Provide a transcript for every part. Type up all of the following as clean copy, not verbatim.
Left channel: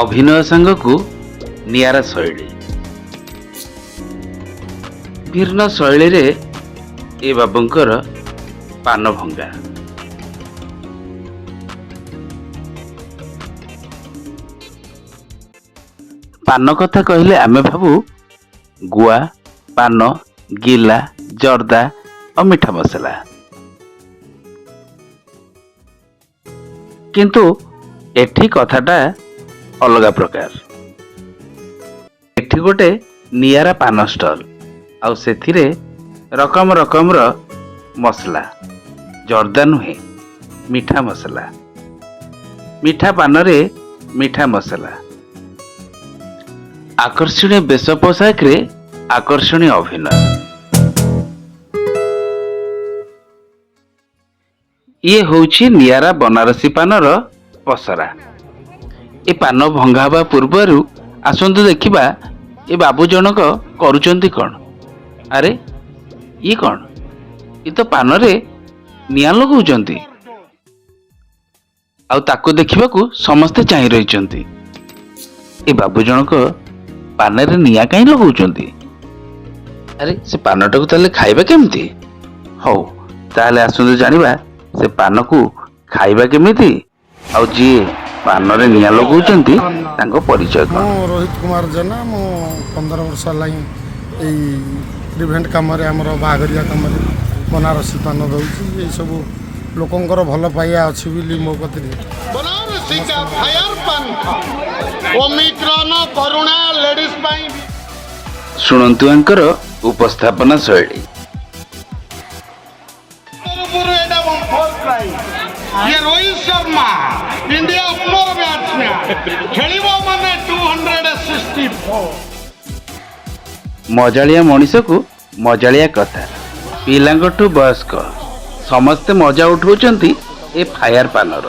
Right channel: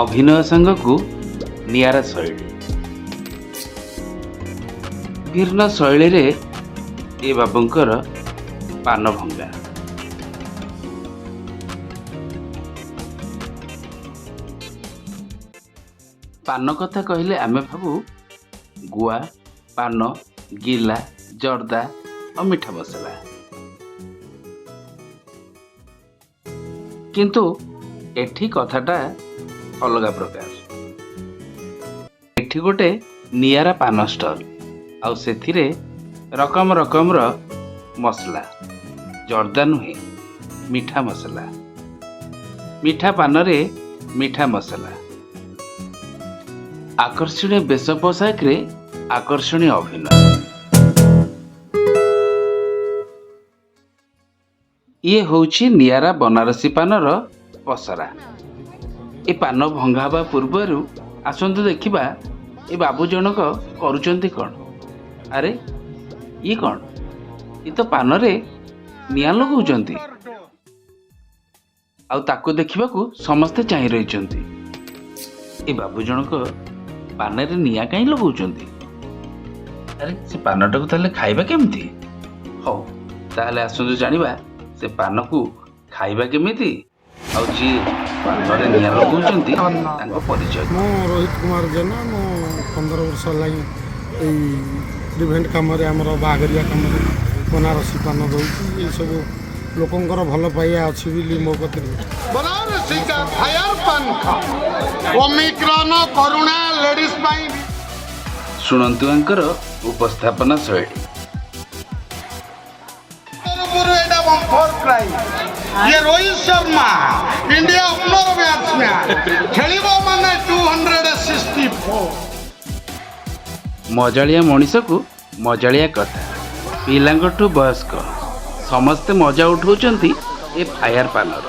अभिनय सांगकू नियारा शैली भिन्न शैली रे ए बाबूंकर पान भंगा। पान कथा कहले आमे भाबू गुआ पान गिला जर्दा और मीठा मसला, किंतु एठी कथाटा अलगा प्रकार। एठी गोटे नियारा पान स्टल आउ सेथिरे रकम रकम रो मसला, जर्दा नुहे मीठा मसला, मीठा पान रे मीठा मसला, आकर्षणीय बेश पोशाक रे आकर्षणीय अभिनय। ये होउछि नियारा बनारसी पानर पसरा। ए पान भंगा हवा पूर्वरु आसंतु देखिबा ए बाबू जनक करूचंती कौन। अरे ये कौन, ये तो पान रे निया लगौचंती आउ ताको देखिबाकू समस्ते चाहि रहिचंती। ए बाबू जनक पान रे निया काई लगौचंती। अरे से पानटाକୁ ताले खाइबा केमती। हौ ताले आसंतु जानिबा से पान को खाइबा केमिति आउ जी पान रे निया लगौचंती तांको परिचय। रोहित कुमार जेना मो 15 वर्ष लाई ए इवेंट काम रे हमर बागरिया काम रे बनारसी पान दउची। ये सब लोकंकर भल पाइया अछि बिली मो कतरे बनारसी का फायर पान खा ओमिक्रॉन करुणा लेडीज पाई सुनंतु अंकर उपस्थापना शैली। ये Rohit Sharma India opener batsman खेलिबो माने 264। मजालिया मनीष को मजालिया कथा पिलांगठू वयस्क समस्ते मजा उठाउचंती ए फायर पानर।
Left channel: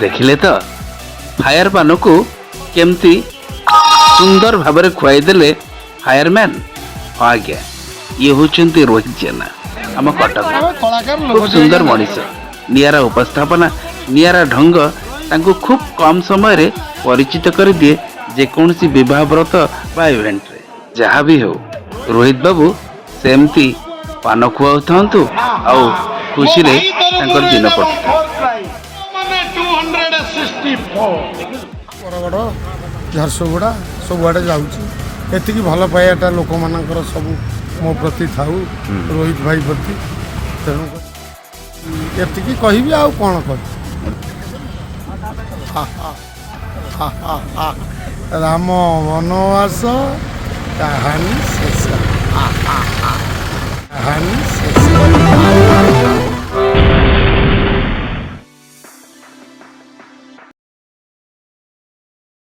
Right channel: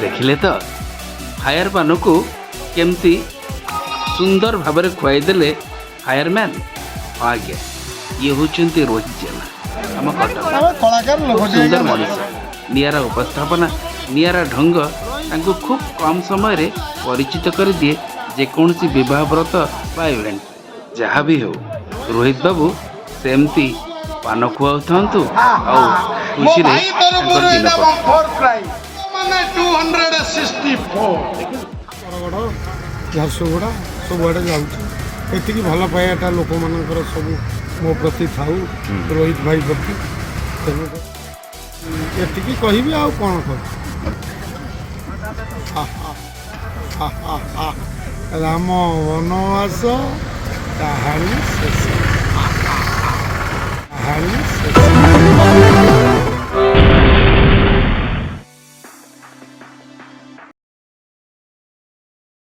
देखिले तो फायर पान को केमती सुंदर भाव खुआई देले फायरमैन। हाँ आज्ञा ये होचंती रोहित जेना आम कटक खूब सुंदर मनीष। नियारा उपस्थापना नियारा ढंग तांको खूब कम समय रे परिचित कर दिए जेकोसी विवाह व्रत बा इवेंट रे जहाँ भी हो। रोहित बाबू सेमती पान खुआउ थांतु आउ खुशी रे तांकर दिन माने 264 बरगड़ झारसुगुड़ा सब आड़े जाऊँ। एतिकी भल पाइबाटा लोक मानकर सब मो प्रति थाऊ रोहित भाई प्रति। तेणु एतिकी कहबी आउ कौन कह। राम वनवास कहानी शेष। कहानी शेष।